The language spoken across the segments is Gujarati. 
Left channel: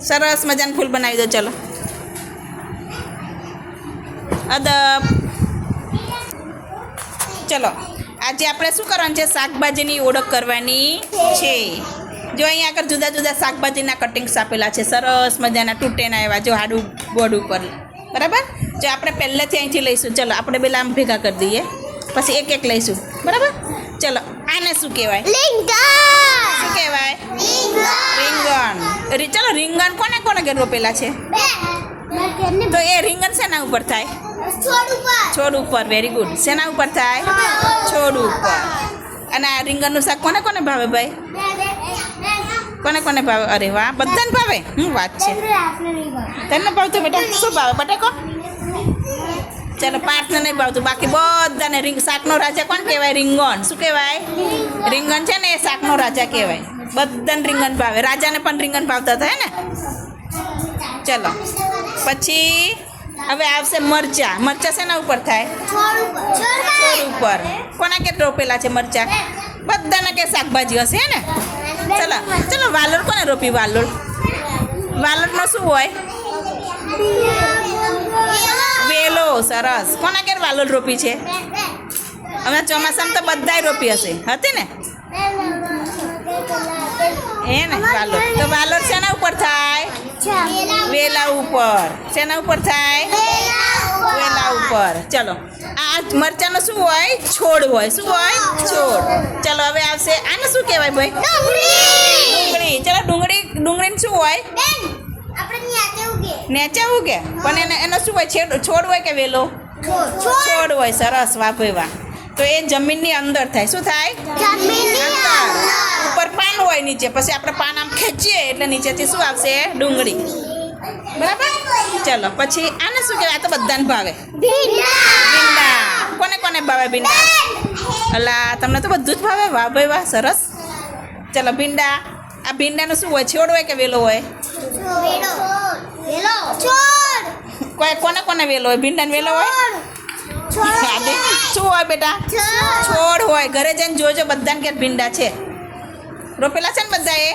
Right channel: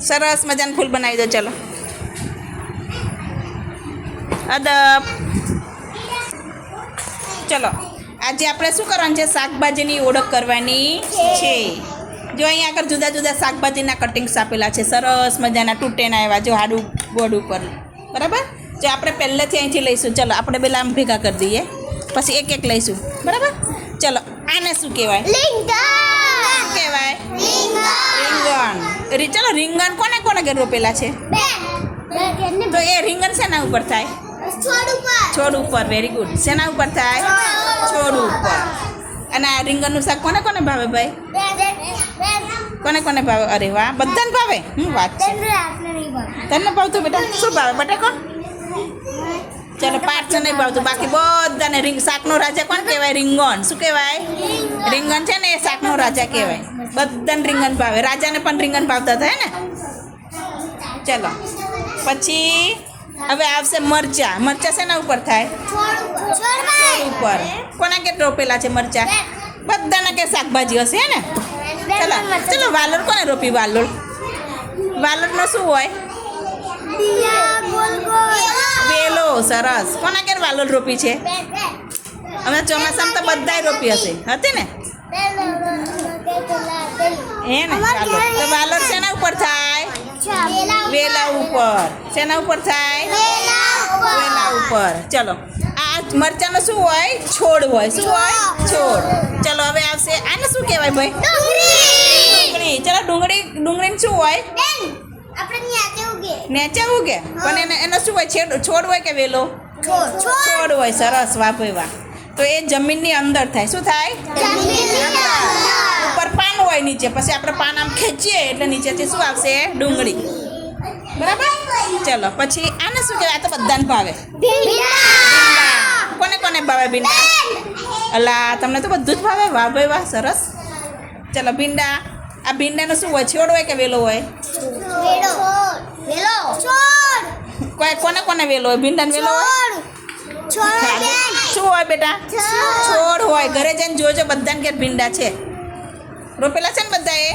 સરસ મજાનું ફૂલ બનાવી દો, ચલો. અદબ. ચલો, આજે આપણે શું કરવાનું છે? શાકભાજીની ઓળખ કરવાની છે. જો અહીંયા આગળ જુદા જુદા શાકભાજીના કટિંગ્સ આપેલા છે. સરસ મજાના તૂટેના એવા, જો હાડું બોર્ડ ઉપર. બરાબર? જો આપણે પહેલેથી અહીંથી લઈશું. ચલો, આપણે પેલા આમ ભેગા કરી દઈએ. પછી એક એક લઈશું. બરાબર? ચલો, આને શું કહેવાય? કહેવાય? રીંગણ. ચલો રીંગણ કોને કોને ઘેર રોપેલા છે? તો એ રીંગણ શેના ઉપર થાય. છોડ ઉપર. વેરી ગુડ શેના ઉપર થાય? છોડ ઉપર. અને આ રીંગણનું શાક કોને કોને ભાવે ભાઈ? કોને કોને ભાવે? અરે વાહ બધાને ભાવે? હું વાત છે. તને ભાવતું બેટા શું ભાવે? બટાકો? ચાલો પાંચને નહીં ભાવતું બાકી બધાને રીંગ શાકનો રાજા કોણ કહેવાય રીંગણ શું કહેવાય રીંગણ છે ને એ શાકનો રાજા કહેવાય બધાને રીંગણ ભાવે રાજાને પણ રીંગણ ભાવતા થાય ને ચલો પછી હવે આવશે મરચા મરચા શેના ઉપર થાય છોડ ઉપર કોના કે રોપેલા છે મરચા બધાના કે શાકભાજી હશે ને ચલો ચલો વાલોળ કોને રોપી વાલોળ વાલોળનો શું હોય સરસ. કોના ઘેર વાલોલ રોપી છે? અમે ચોમાસામાં તો બધાય રોપી હશે. હતી ને? એ ને? વાલોર તો વાલોર શેના ઉપર થાય? વેલા ઉપર. શેના ઉપર થાય? વેલા ઉપર. ચલો. આ મરચાનો શું હોય? છોડ હોય. શું હોય? છોડ. ચલો હવે આવશે. આને શું કહેવાય ભાઈ? ડુંગળી. ચલો ડુંગળી ડુંગળીને શું હોય? નેચે ઉગે. પણ એને એનો શું હોય છેડ છોડ હોય કે વેલો? છોડ. હોય સરસ વાપરવા તો એ જમીનની અંદર થાય. શું થાય? ઉપર પાન હોય નીચે. પછી આપણે પાન આમ ખેંચીએ એટલે નીચેથી શું આવશે? ડુંગળી. બરાબર? ચલો પછી આને શું કહેવાય? આ તો બધાને ભાવે. ભીંડા. કોને કોને ભાવે ભીંડા? અલા તમને તો બધું જ ભાવે. વાહ ભાઈ વાહ સરસ. ચલો ભીંડા. આ ભીંડાનો શું હોય? છોડ હોય કે વેલો હોય? કોઈ કોને કોને વેલો હોય? ભીંડાનો વેલો હોય? શું હોય બેટા? છોડ. હોય. ઘરે જઈને જોજો બધાને ઘેર ભીંડા છે. રોપેલા છે ને બધાએ?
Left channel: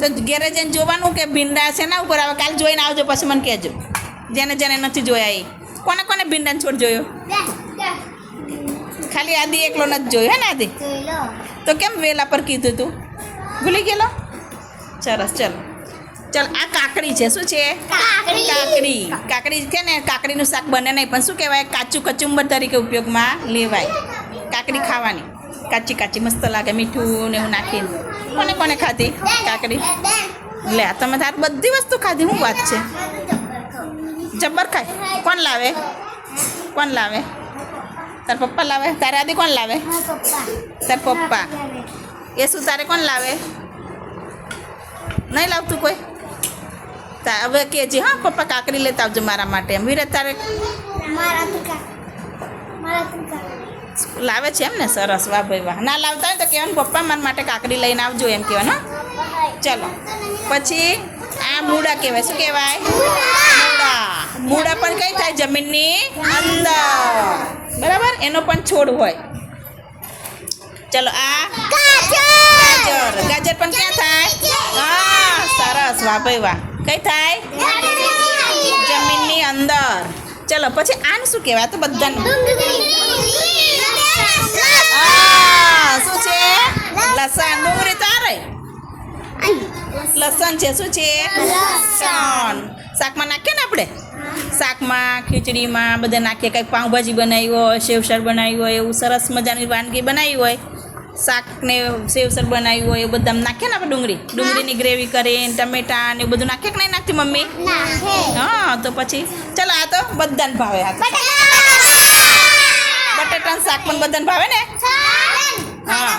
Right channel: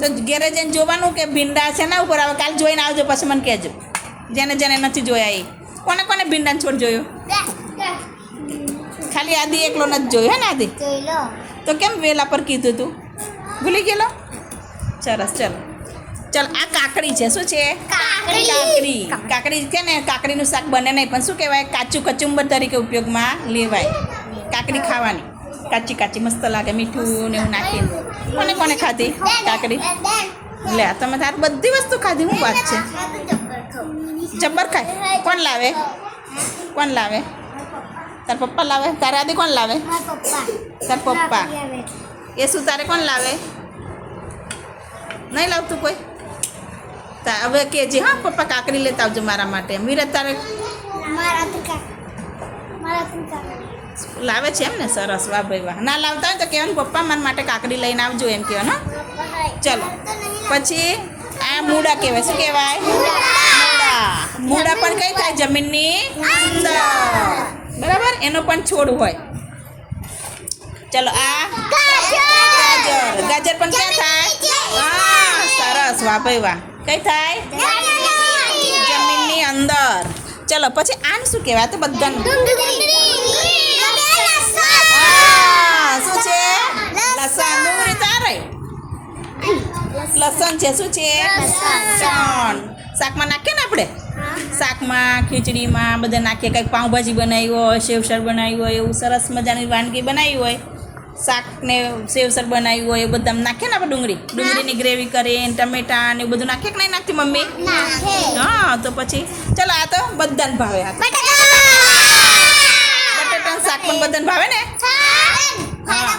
તો ઘેરે જઈને જોવાનું કે ભીંડા છે ને ઉપર આવે. કાલ જોઈને આવજો પછી મને કહેજો. જેને જેને નથી જોયા એ. કોને કોને ભીંડાને છોડ જોયો? ખાલી આદિ એકલો નથી જોયો હે ને આદિ? તો કેમ વેલા પર કીધું તું? ભૂલી ગયેલો? સરસ ચલો. ચાલ આ કાકડી છે. શું છે? કાકડી. કાકડી. કે ને કાકડીનું શાક બને નહીં પણ શું કહેવાય? કાચું કચુંબર તરીકે ઉપયોગમાં લેવાય. કાકડી ખાવાની. કાચી કાચી મસ્ત લાગે મીઠું ને એવું નાખીને. કોને કોને ખાધી? કાકડી? લે તમે તાર બધી વસ્તુ ખાધી હું વાત છે. જબ્બર ખાય. કોણ લાવે? કોણ લાવે? તાર પપ્પા લાવે? તારે આદિ કોણ લાવે? તાર પપ્પા. એ શું તારે કોણ લાવે? નહીં લાવતું કોઈ? હવે કહેજે હા પપ્પા કાકડી લેતા આવજો મારા માટે. એમ વિરત તારે લાવે છે એમ ને સરસ. વાહ ભાઈ વાહ. ના લાવતા હોય તો કહેવાનું પપ્પા મારા માટે કાકડી લઈને આવજો એમ કહેવાનું ચલો. પછી આ મૂળા કહેવાય. શું કહેવાય? મૂળા. મૂળા પણ કઈ થાય? જમીનની અંદર. બરાબર? એનો પણ છોડ હોય. ચલો આ ગાજર. ગાજર પણ ક્યાં થાય? હા, સરસ. વાહ ભાઈ વાહ. કઈ થાય? જમીનની અંદર. ચલો, પછી આને શું કહેવાય? તો બધાને. શું છે? લસણ. ડુંગળી તો આ લસણ છે. શું છે? લસણ. શાકમાં નાખીએ ને આપણે? શાકમાં, ખીચડીમાં, બધા નાખીએ. કંઈક પાઉંભાજી બનાવી હોય સેવસર બનાવી હોય, એવું સરસ મજાની વાનગી બનાવી હોય. શાકને સેવસર બનાવ્યું હોય એ બધા નાખે ને આપણે ડુંગળી? ડુંગળીની ગ્રેવી કરીને ટમેટા ને બધું નાખીએ કે નહીં નાખતી મમ્મી? હા તો પછી ચલો આ તો બધાને ભાવે આ. બટાટાનું શાક પણ બધાને ભાવે ને? હા.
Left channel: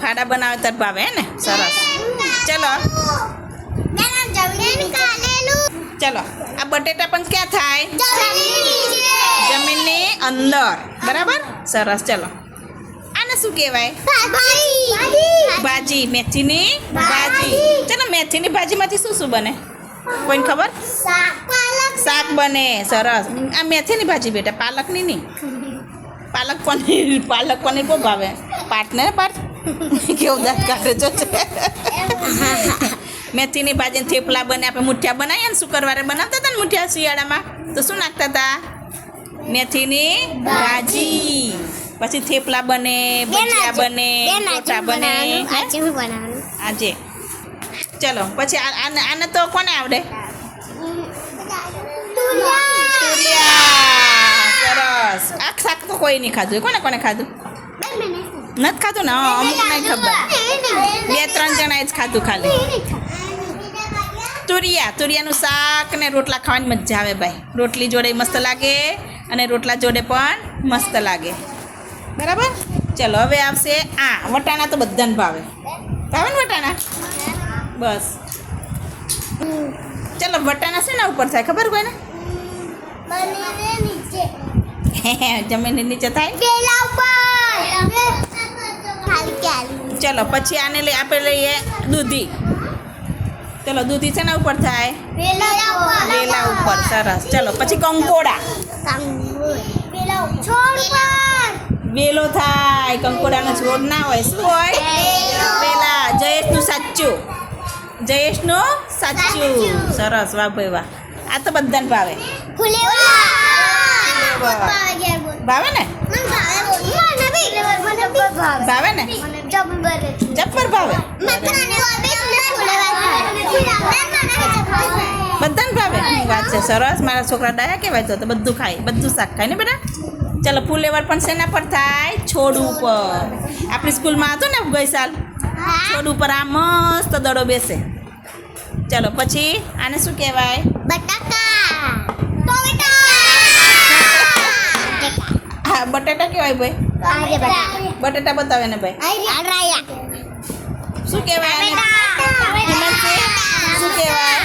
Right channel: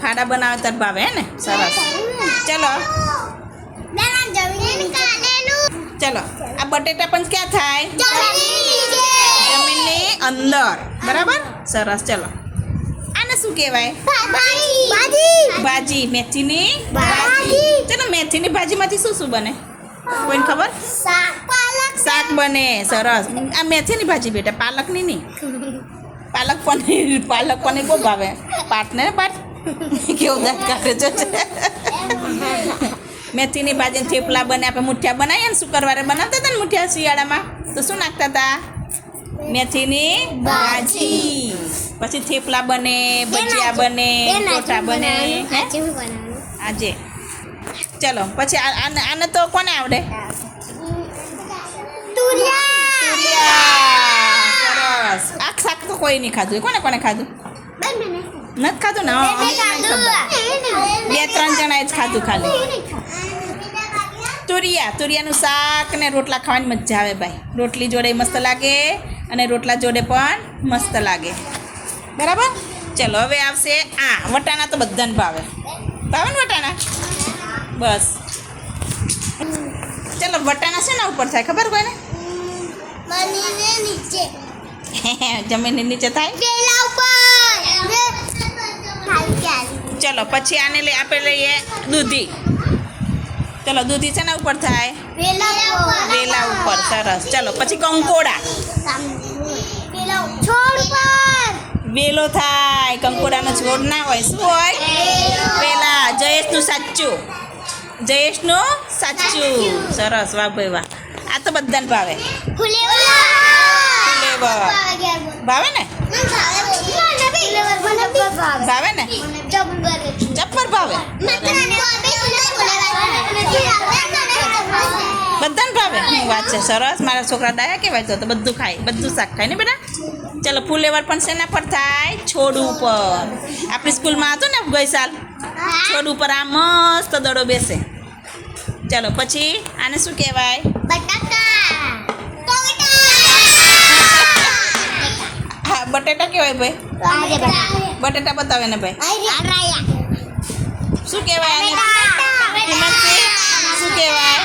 ફાડા બનાવે તાર ભાવે હે ને? સરસ. ચલો. ચલો. આ બટેટા પણ ક્યાં થાય? જમીનની અંદર. બરાબર? સરસ. ચલો. આને શું કહેવાય? ભાજી. મેથીની ભાજી. ચલો, મેથીની ભાજીમાંથી શું શું બને? કોઈને ખબર? શાક બને. સરસ. આ મેથીની ભાજી બેટા, પાલકની નહીં. પાલક પનીર પાલક પનીર બહુ ભાવે. પાટ ને પાટ. કેવું દાંત કાઢે જો. છે મેથીની ભાજીને થેપલા બને, આપણે મુઠિયા બનાવીએ ને શુક્રવારે બનાવતા હતા ને મુઠિયા શિયાળામાં, તો શું નાખતા હતા? મેથીની ભાજી. પછી થેપલા બને ભજીયા બને ટોટા બને આજે ચલો પછી આને તો કોને આવડે? તુરિયા. સરસ. આ શાક તો કોઈ નહીં ખાધું. કોને કોને ખાધું? નથી ખાધું ને? અમુક નહીં ખબર. બે ત્રણ જણાએ જ ખાધું ખાલી. તુરિયા. તુરિયાનું શાક ને રોટલા ખાવાની મજા આવે ભાઈ. રોટલી જોડે મસ્ત લાગે અને રોટલા જોડે પણ મસ્ત લાગે. બરાબર? ચલો, હવે આવશે આ. વટાણા તો બધાને ભાવે. ભાવે ને વટાણા? બસ. ચલો, વટાણા શેના ઉપર થાય? ખબર કોઈને? જમીનની નીચે થાય? ચલો, પછી આને લઈ આપણે લઈએ દૂધી. ચલો, દૂધી શેના ઉપર થાય? વેલા ઉપર. સરસ. ચલો, પછી કંકોડા. વેલો થાય. કંકોડાનો છોડ ના હોય. શું હોય? પેલા જયેશનું સાચું. જયેશનું સાચું. સરસ. વાહ ભાઈ વાહ. આ તો બધાને ભાવે. ભાવે ને? ભાવે ને? જબ્બર ભાવે. બધાને ભાવે. હું વાત છે. સરસ. મારા છોકરા ડાયા કહેવાય તો બધું ખાય. બધું શાક ખાય ને બેટા? ચાલો ફુલેવર પણ શેના પર થાય? છોડ ઉપર. આપણી સ્કૂલમાં હતું ને ગઈ સાલ? છોડ ઉપર આ મસ્ત દડો બેસે. ચાલો પછી આને શું કહેવાય? હા બટેટા કહેવાય ભાઈ. બટેટા બતાવે ને ભાઈ. શું કહેવાય આને? હિમાંશી શું કહેવાય?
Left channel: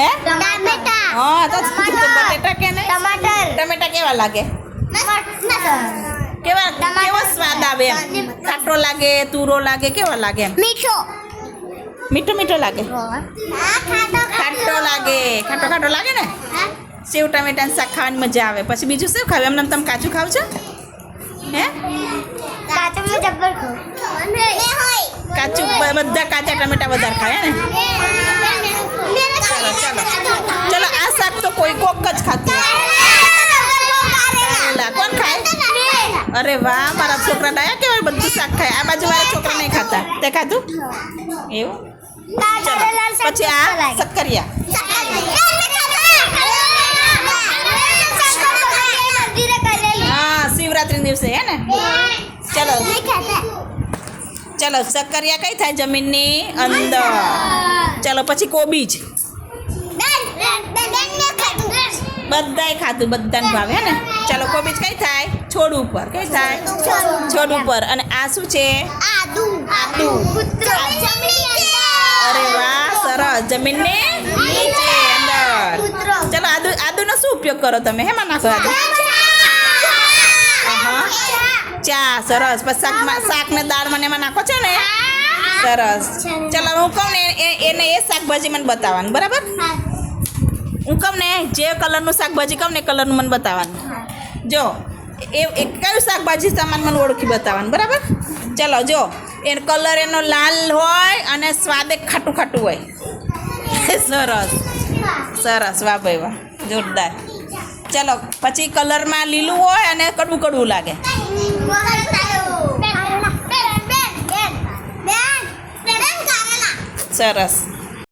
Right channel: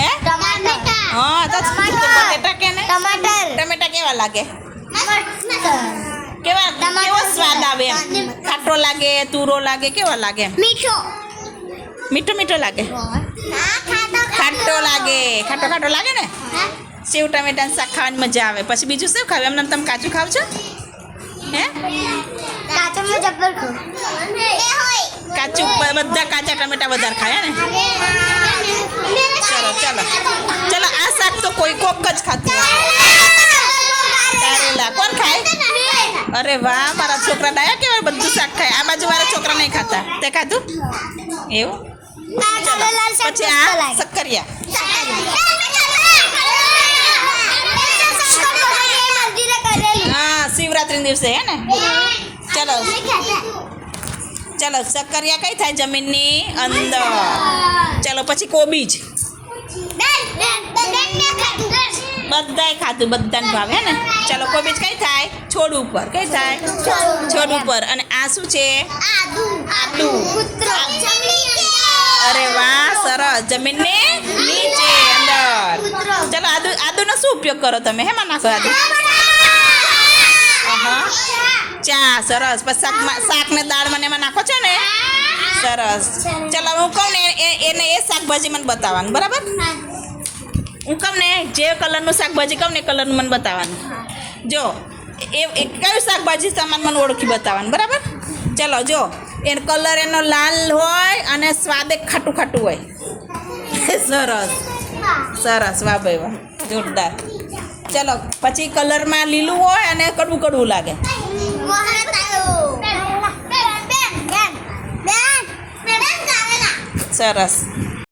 હે? હા તો બટેટા કે ને ટમેટા કેવા લાગે? કેવા કેવો સ્વાદ આવે એમ? ખાટો લાગે તુરો લાગે કેવો લાગે એમ? મીઠો. મીઠો મીઠો લાગે? ખાટો લાગે. ખાટો ખાટો લાગે ને? સેવ ટમેટાનું શાક ખાવાની મજા આવે. પછી બીજું શું ખાવ? એમને તમે કાચું ખાવ છો? હે? કાચું બધા કાચા ટમેટા વધારે ખાય ને? ચલો ચલો. ચલો આ શાક તો કોઈ કોક જ ખાતું હશે. કોણ ખાય? અરે વાહ, મારા છોકરા ડાયા કેવાય બધું શાક ખાય. આ બાજુ મારા છોકરા નહીં ખાતા. તે ખાધું? એવું? પછી આ સક્કરિયા હા શિવરાત્રી દિવસે, હે ને? ચલો. ચલો સક્કરિયા કઈ થાય જમીનની? અંદર. ચલો, પછી કોબીજ બધાય ખાધું, બધાને ભાવે, હે ને? ચલો કોબીજ કઈ થાય? છોડ ઉપર. કઈ થાય? છોડ ઉપર. અને આ શું છે? આદુ. અરે વાહ સરસ. જમીનની નીચે અંદર. ચાલો આદુ આદુનો શું ઉપયોગ કરો તમે? હેમાં નાખો આદુ. ચા સરસ. પછી શાકમાં શાક ને દાળ મને એમાં નાખો છો ને? સરસ. ચાલો હું કહું ને એને એ શાકભાજી મને બતાવવાનું બરાબર? હું. કહું ને જે કલરનું શાકભાજી કહું ને કલરનું મને બતાવવાનું. જો, એ કયું શાકભાજી સામાન મને ઓળખી બતાવવાનું, બરાબર? ચલો, જો એ કલર એનો લાલ હોય અને સ્વાદ ખાટું ખાટું હોય. સરસ. સરસ, વાહ ભાઈ, વાહ. જોરદાર. ચલો, પછી કલરમાં લીલું હોય અને કડવું કડવું લાગે. સરસ.